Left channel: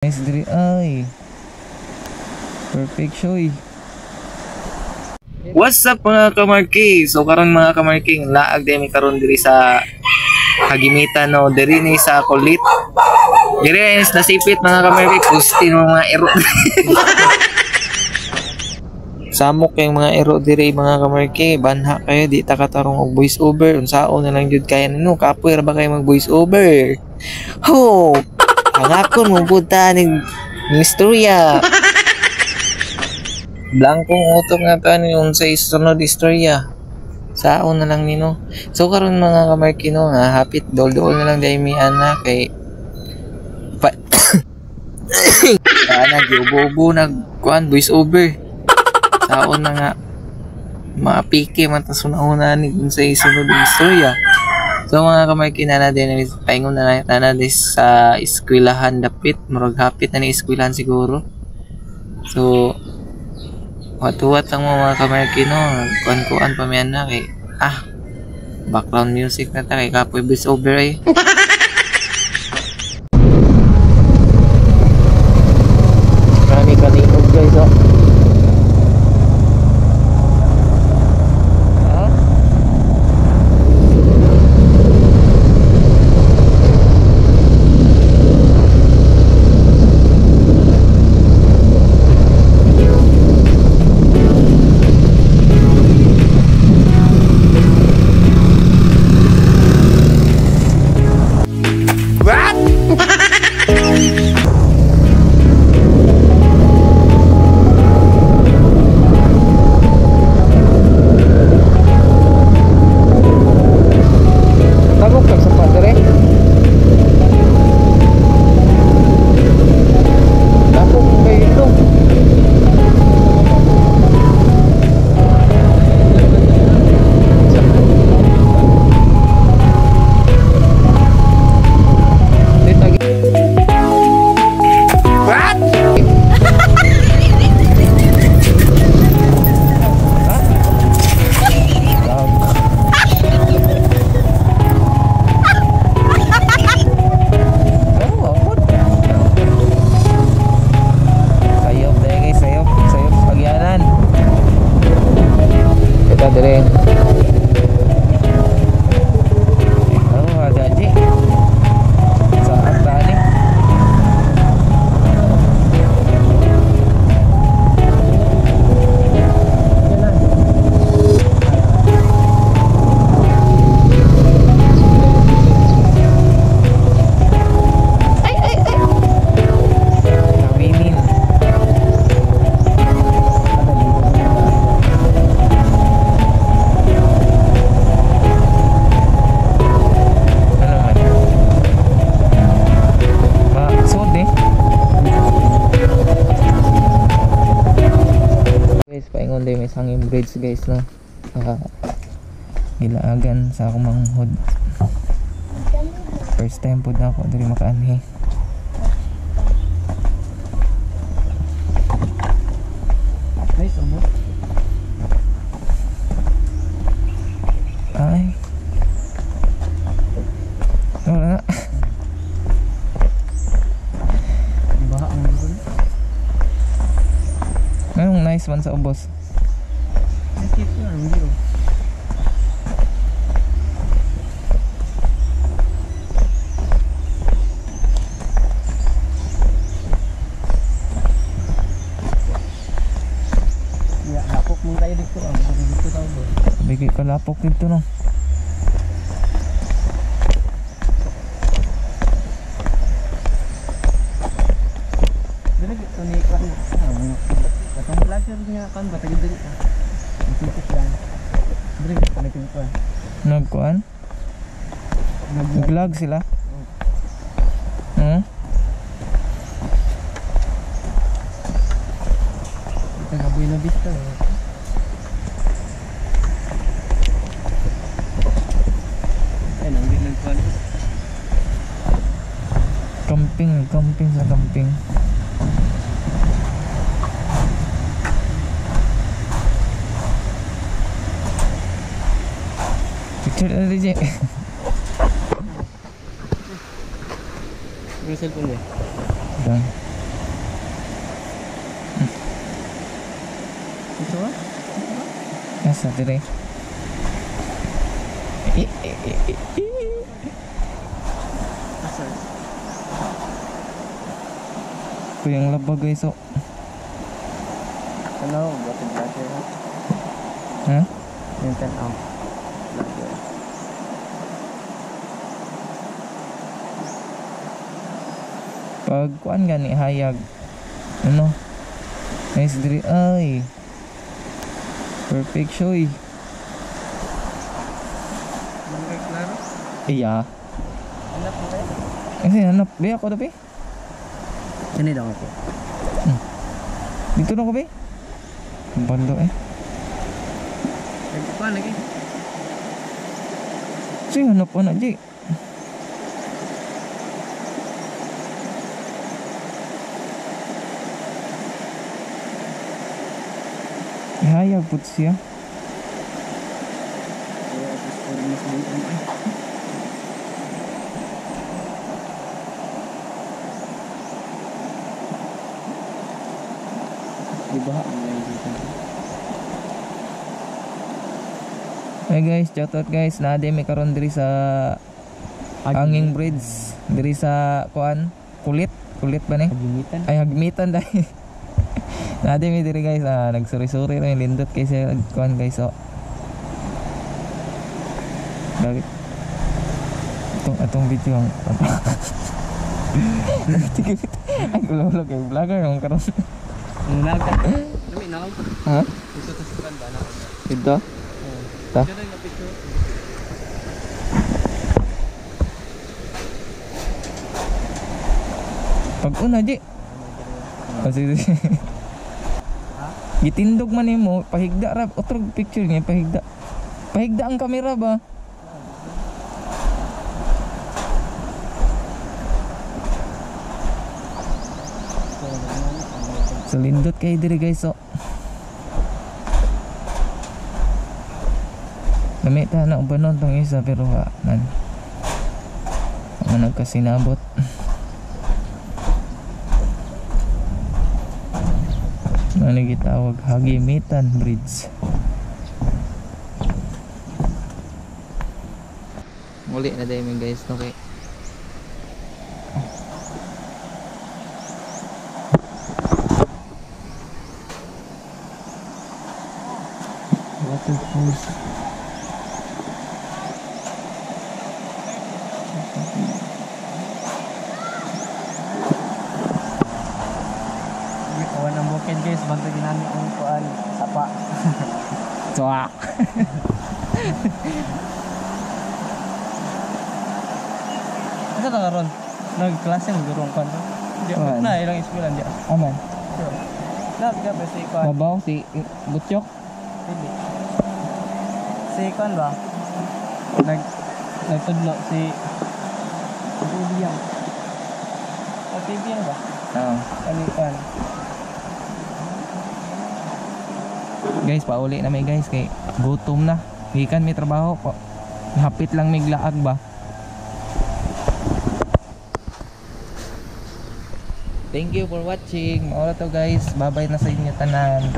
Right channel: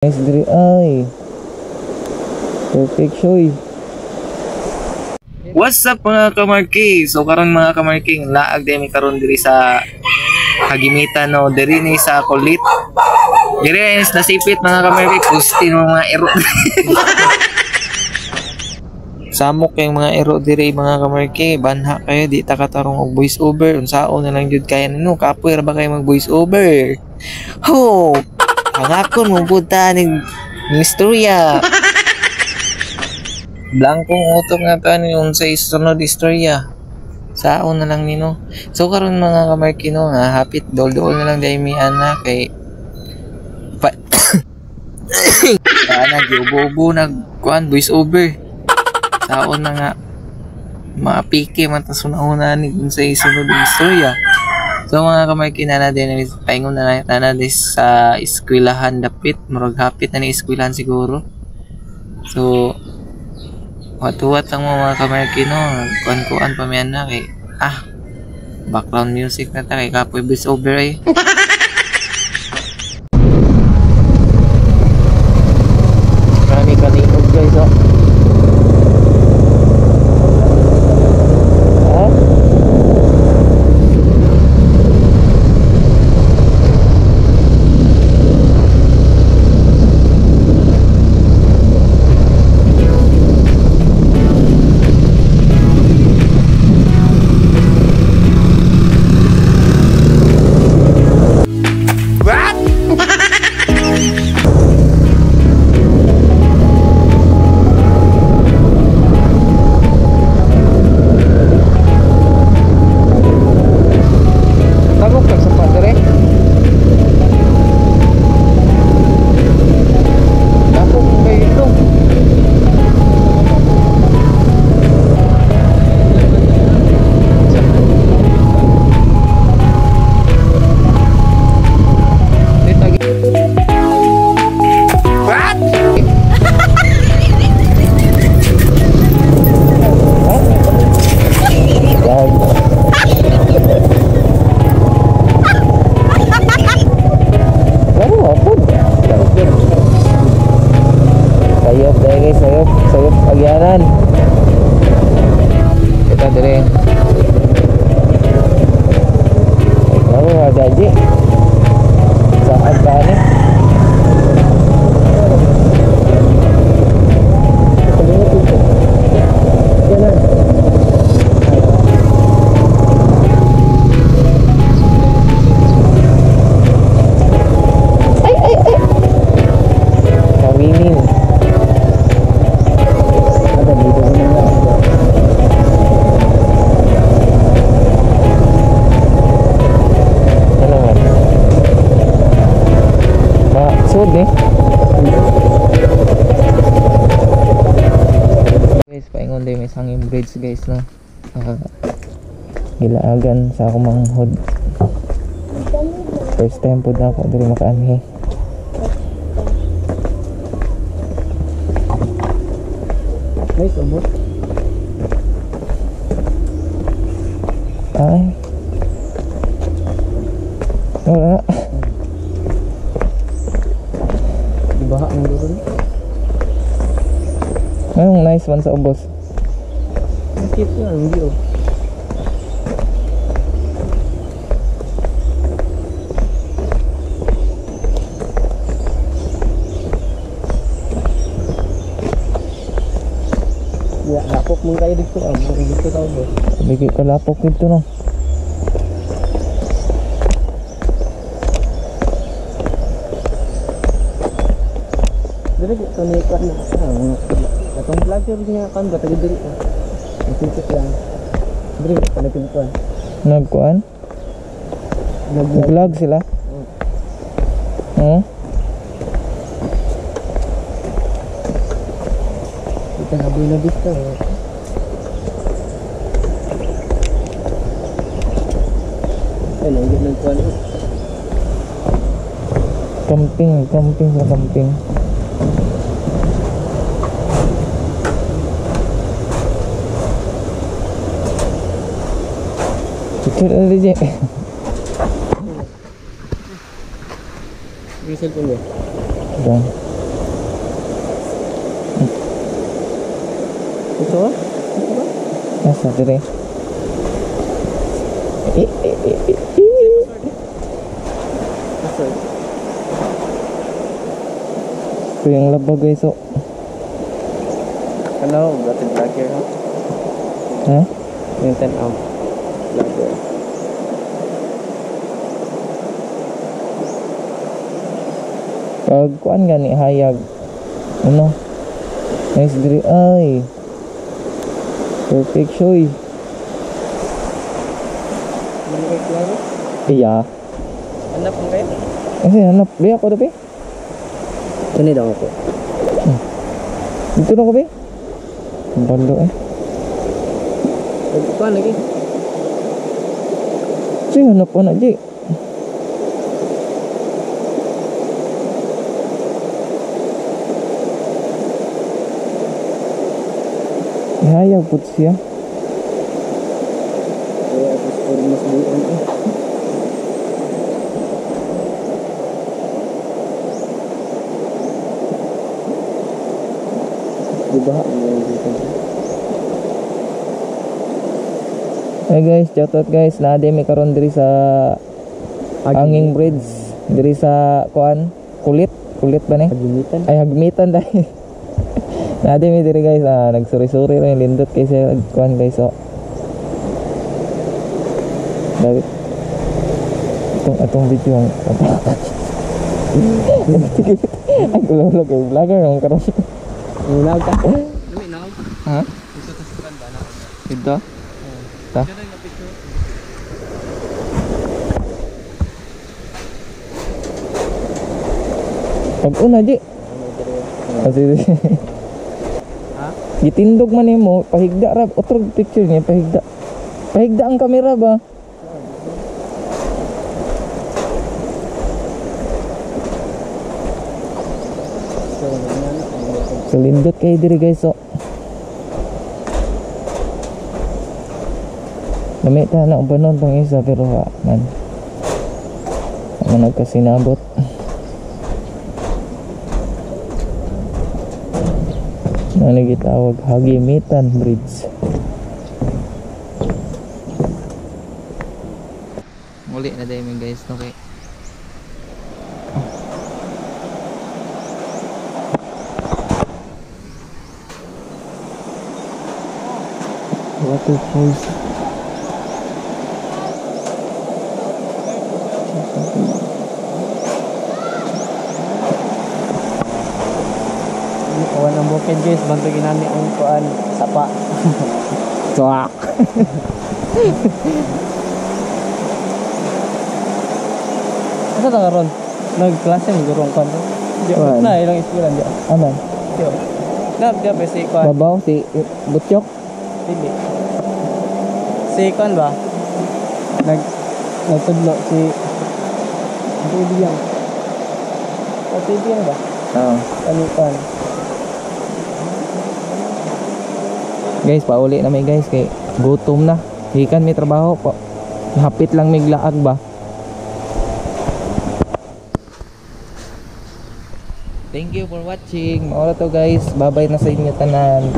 Nice diri ay. Perfect shoy. What's up mga kamarki? So karon mga kamarking laag demi karon diri sa Hagimitan no diri ni sa Kulit. Diri is nasipit mga kamarki pustin mo mga ero. Samok kay mga ero diri mga kamarki, banha kayo di ta katarong og voice over unsaon na lang jud kaya nino kapoy ra ba kay mag voice over. Ho! Hangakon mo puta ning istorya. Blankong utok nga ta ni unsay sunod istorya. Saon na lang nino. So karon mga kamarkino nga hapit dol-dol na lang dai mi ana kay ana giubo-ubo nagkuan voice over. Saon na nga maapike man ta sunahuna ni unsay sunod istorya. So mga kamarkina na din paingon na din sa eskwelahan dapit murag hapit na ni eskwelahan siguro. So wat-wat lang mga kamarkino, kuan-kuan pa miyan na kay background music na ta kay kapoy voice over ay. Marami kaliog guys oh. May sanging bridge guys no. Gilaagan sa akong manghod. First time pud na ako diri makaanhi. Nice umot. Ay. Wala. Ibaha ang duron. Anong nice man sa ubos? Kita nga ang view. Ya, lapok mong tayo dito dito tao ba? Bigay ka lapok dito no. Dili ito ni kan na. Katong vlogger niya kan ba tayo diri. Sikit lang. Dre, palapin ko. Nagkuan? Nag-vlog sila? Kita nga Buena Vista. Ay, nanggit nagkuan. Camping sa camping. Picture ada je. Ini cellphone dia. Ito ah? Nasa dire. Asa? Ito yung laba guys, oh. Ano? Batid vlogger ha? Ha? Yung 10 amp vlogger. Pag kuan gani hayag. Ano? Nice dire ay. Perfect shoy. Ano kay klaro? Iya. Hanap mo kayo? Kasi hanap be ako daw be. Kani daw ako. Dito na ko be. Ang balo eh. Ito lagi. Sige hanap pa na di. Ihayag put siya. Kaya ito for mas buon eh. Diba? Ano yung dito? Hey guys, shout out guys. Naade may karon diri sa Hanging Bridge. Diri sa kuan, kulit ba ni? Hagimitan. Ay hagmitan dai. Naade may diri guys, nagsuri-suri ra yung lindot kay sa kuan guys, oh. Dapat atong video ang ay ulo kay vlogger ang karon. Nunag ka? Nami na ako. Ha? Gusto ta sa ba na ako. Ito? Ta? Diyan na picture. Pag una di. Kasi Ha? gitindog man nimo, pahigda ra otrog picture niya, pahigda. Pahigda ang kamera ba? So lindot kayo diri guys, oh. Namita na ubanon tong isa pero man nagkasinabot. Ano gitawag Hagimitan Bridge. Muli na dahil guys, okay. Waterfalls. Kawan ang bukid guys, bantu ginani ang kuan sapa. Tuak. Asa ta karon? Nagklase mo gurong kuan. Di Kuan. na ilang eskwela di. Aman. Di. Na di ba si kuan? Babaw si Butchok. Dili. Si kuan ba? Nagtudlo si Tibiyang. Tibiyang ba? Oo. Ano kuan? Guys, pauli na may guys kay gutom na. Hikan may trabaho pa. Hapit lang may glaag ba. Thank you for watching. Ora to guys. Bye-bye na sa inyo tanan.